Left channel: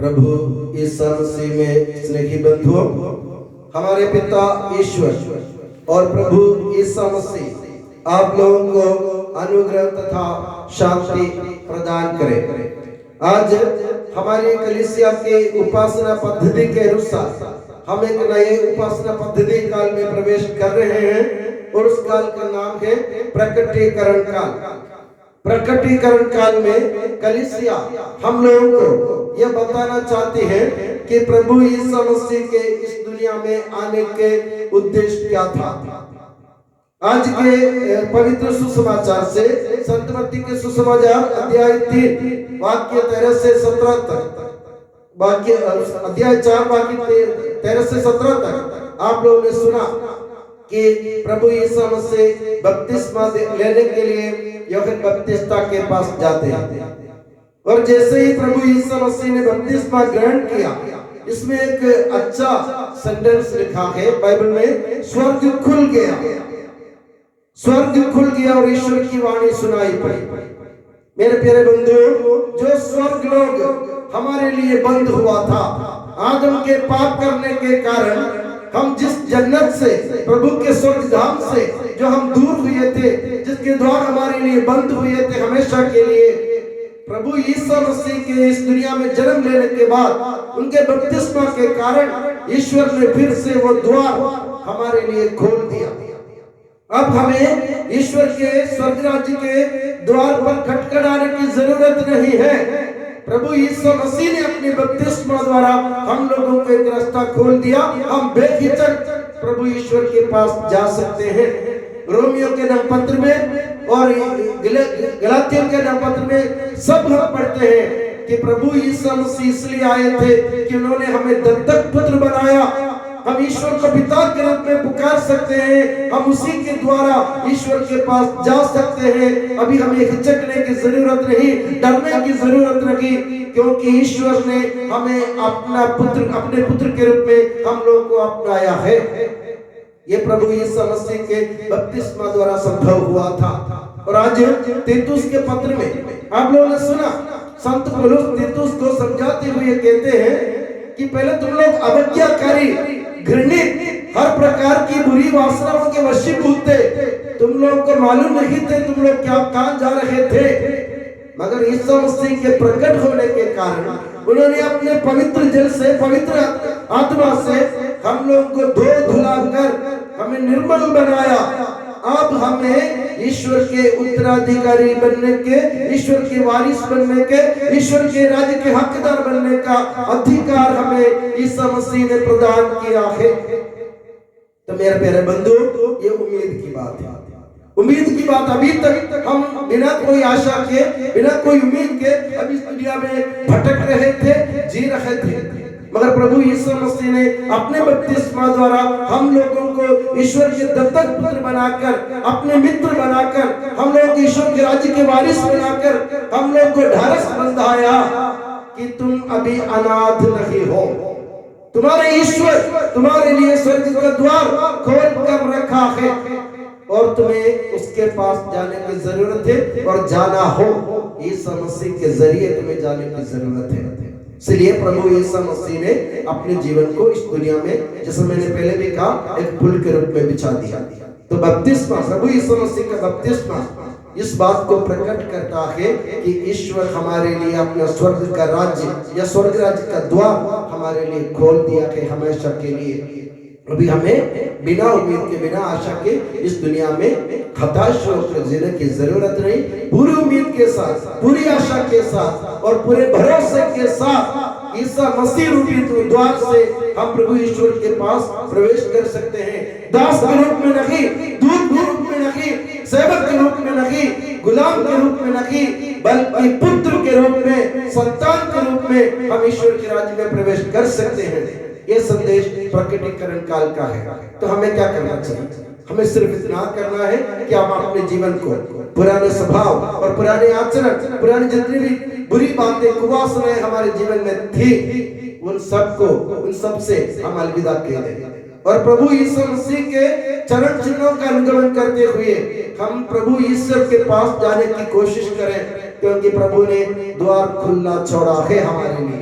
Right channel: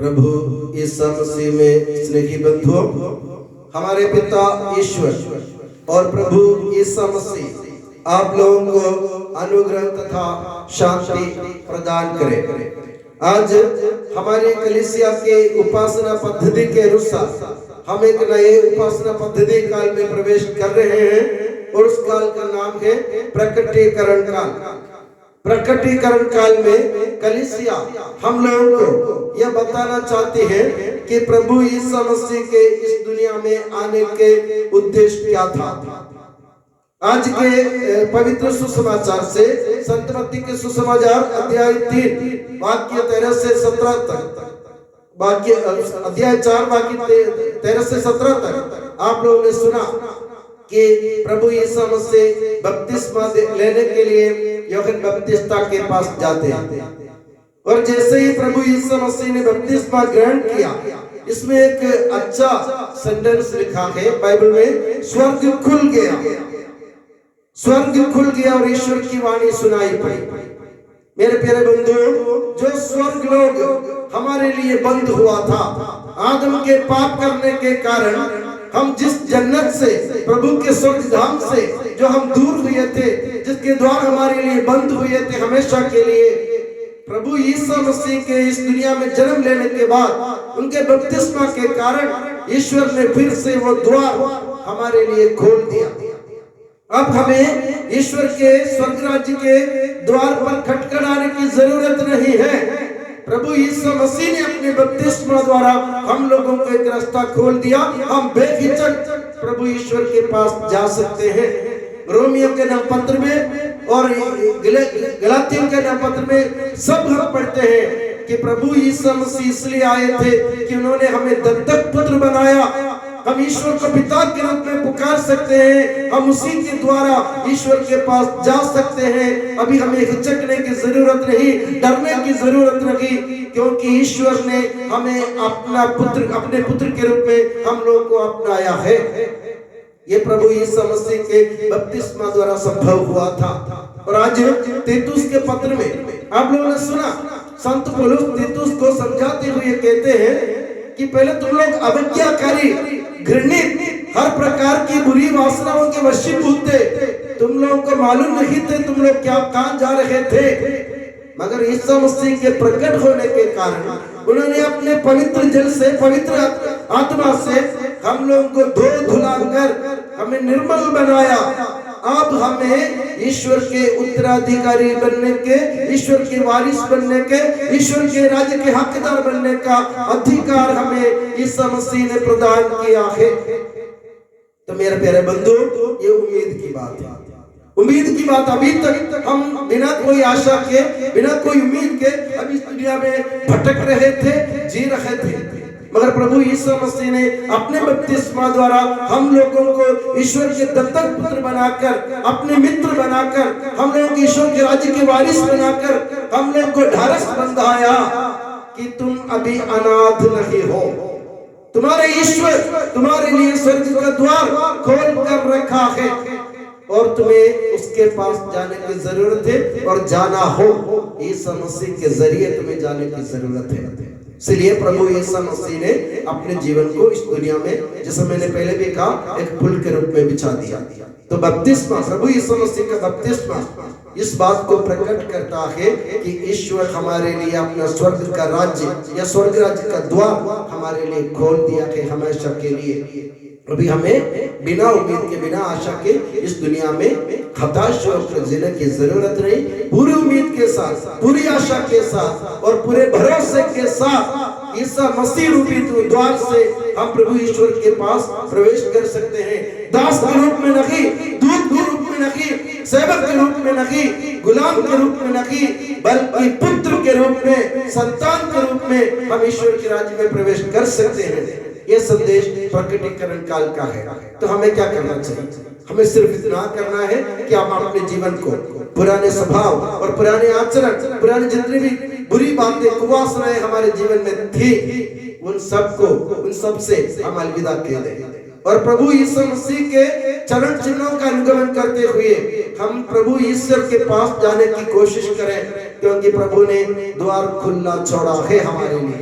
प्रभु यीशु मसीह में स्नेही बंधुओं, हमारे पिता ईश्वर और प्रभु यीशु मसीह आप लोगों को अनुग्रह तथा शांति प्रदान करे। आज हमारी कलीसिया के उपासना पद्धति के अनुसार हम एक नए उपासना पद्धति काल में प्रवेश कर रहे हैं और उस काल का नाम है प्रकटीकरण काल। प्रकटीकरण काल में कलीसिया हम लोगों को यह बताना चाहती है कि प्रभु यीशु मसीह के इस दुनिया में आने के उद्देश्य क्या था। आज के पवित्र सुसमाचार से संत मत्ती के सुसमाचार अध्याय 3 वाक्य 13 से 17 तक, वाक्य अध्याय 4 वाक्य 13 से 17 तक आप लोगों ने सुना कि प्रभु यीशु मसीह बपतिस्मा लेने के लिए यूहन्ना बपतिस्ता के पास जाते हैं और जैसे ही प्रभु यीशु मसीह ने बपतिस्मा ग्रहण किया, इसमें एक अच्छा सेंटेंस लिखा है बाइबल में, स्वर्ग खुल गया, स्वर्ग खुल गया और ईश्वर की वाणी सुनाई पड़ी। मेरे प्यारे बंधुओं, जो स्वर्ग लोग हमारे लिए बंद हुआ था आदम के पाप करने के कारण, हम जिस जन्नत से, प्रभु के स्वर्ग धाम से जो हम दूर हुए थे, जिसके द्वार हमारे लिए बंद हुए थे हमेशा के लिए, प्रभु यीशु मसीह के इस दुनिया में जन्म लेने के बाद उनके बपतिस्मा के कारण ईश्वर ने फिर से वो द्वार हमारे लिए खोल दिया। अब हमें ईश्वर के स्वर्ग राज्य के द्वार पर खटखटाने की जरूरत नहीं है। प्रभु यीशु मसीह ने अपने बपतिस्मा द्वारा हम लोगों को एक रास्ता खोल दिया। हम बेहिचक प्रभु ईश्वर के पास जा सकते हैं। रोमियो के नाम पत्र में और गलातियों के नाम पत्र में सब हम पढ़ते हैं कि प्रभु यीशु मसीह इसलिए आए थे कि उन्होंने हमें दत्तक पुत्र बनाया। हम ईश्वर को पिता के रूप में पुकार सकते हैं, हम उसी के द्वारा ईश्वर के पास जा सकते हैं। अभी हमें हिचकने की जरूरत नहीं, डरने की जरूरत नहीं, क्योंकि ईश्वर ने हमें अपना पुत्र, अपने पुत्र के रूप में हम लोगों को अपनाया है। ये प्रभु यीशु मसीह के बपतिस्मा द्वारा संभव हुआ था। और आज तीतुस के पत्र में आप लोगों ने सुना, संत पौलुस तीतुस को समझाते हुए कहते हैं कि पहले तुम लोग अवज्ञाकारी, घृणित, हर प्रकार की बुरी वासनाओं के वशीभूत थे। तुम लोगों को मालूम नहीं थे तुम लोग क्या कहां जा रहे थे, मगर यीशु मसीह के प्रकट होने के कारण उन्होंने अपने पवित्र जल से, पवित्र आत्मा से हम लोगों को धो धुलाकर हमें निर्मल बनाया। अब हमें ईश्वर के उत्तराधिकारी बनने के, ईश्वर के वारिस बनने के, ईश्वर के राज्य के हकदार बनने का अधिकार हमें यीशु मसीह ने प्रदान किया है। तो मेरे प्यारे बंधु, ये उम्मीद की बात है। उम्मीद की बात, अभी तक हम बिना कोई आशा के, बिना कोई उम्मीद के अभी इस दुनिया में भटक रहे थे, जी रहे थे, मगर प्रभु यीशु मसीह ने अपने बपतिस्मा द्वारा हम लोगों को ईश्वर के दत्तक पुत्र बनाकर, अपने मित्र बनाकर, हम लोगों को ईश्वर के राज्य के वारिस बनाकर हम लोगों को ढारस बंधाया कि तुम अभी अनाथ नहीं हो। तुम्हारे ईश्वर तुम्हारे लिए स्वर्ग का द्वार खोल कर रखा है और तुम्हें उसके पास जाने की जरूरत है और जाना हो। यीशु मसीह के जरिए तुम्हें जाने की जरूरत है। इसलिए प्रभु यीशु मसीह ने अपने जीवन को इस दुनिया में, जैसे मैंने पहले भी कहा, एक पुल के रूप में बिछा दिया। तो बपतिस्मा, प्रभु यीशु मसीह का बपतिस्मा इस बात को प्रकट करता है कि ईश्वर हमारे लिए अपना स्वर्ग का राज्य या स्वर्ग राज्य का द्वार हमारे लिए खोल दिया है हमेशा के लिए। अभी हमें बिना उम्मीद के, बिना आशा के इस दुनिया में हताश होकर जीने की जरूरत नहीं। पूरी उम्मीद के साथ, पूरी आशा के साथ और पूरे भरोसे के साथ यीशु मसीह रूपी द्वार से हम प्रभु ईश्वर के पास प्रवेश कर सकते हैं। दास के रूप में नहीं, दूत के रूप में नहीं, सेवक के रूप में नहीं, गुलाम के रूप में नहीं, बल्कि पुत्र के रूप में, संतान के रूप में हम ईश्वर के राज्य में प्रवेश कर सकते हैं। ये संदेश प्रकटीकरण काल का है। तो हमें क्या करना चाहिए? हमें सिर्फ इतना करना है कि हम अपने जीवन को पुराने स्वभाव और पुराने आचरण, पुरानी जितनी भी बुरी बातें, कुवासनाएं हमारे जीवन में थी, उन सब से हम अलविदा कह दें और प्रभु यीशु मसीह के चरण चिन्हों का अनुगमन करते हुए हम प्रभु ईश्वर के पास जाने की कोशिश करें, क्योंकि प्रभु ने द्वार खुला छोड़ा है हमारे लिए।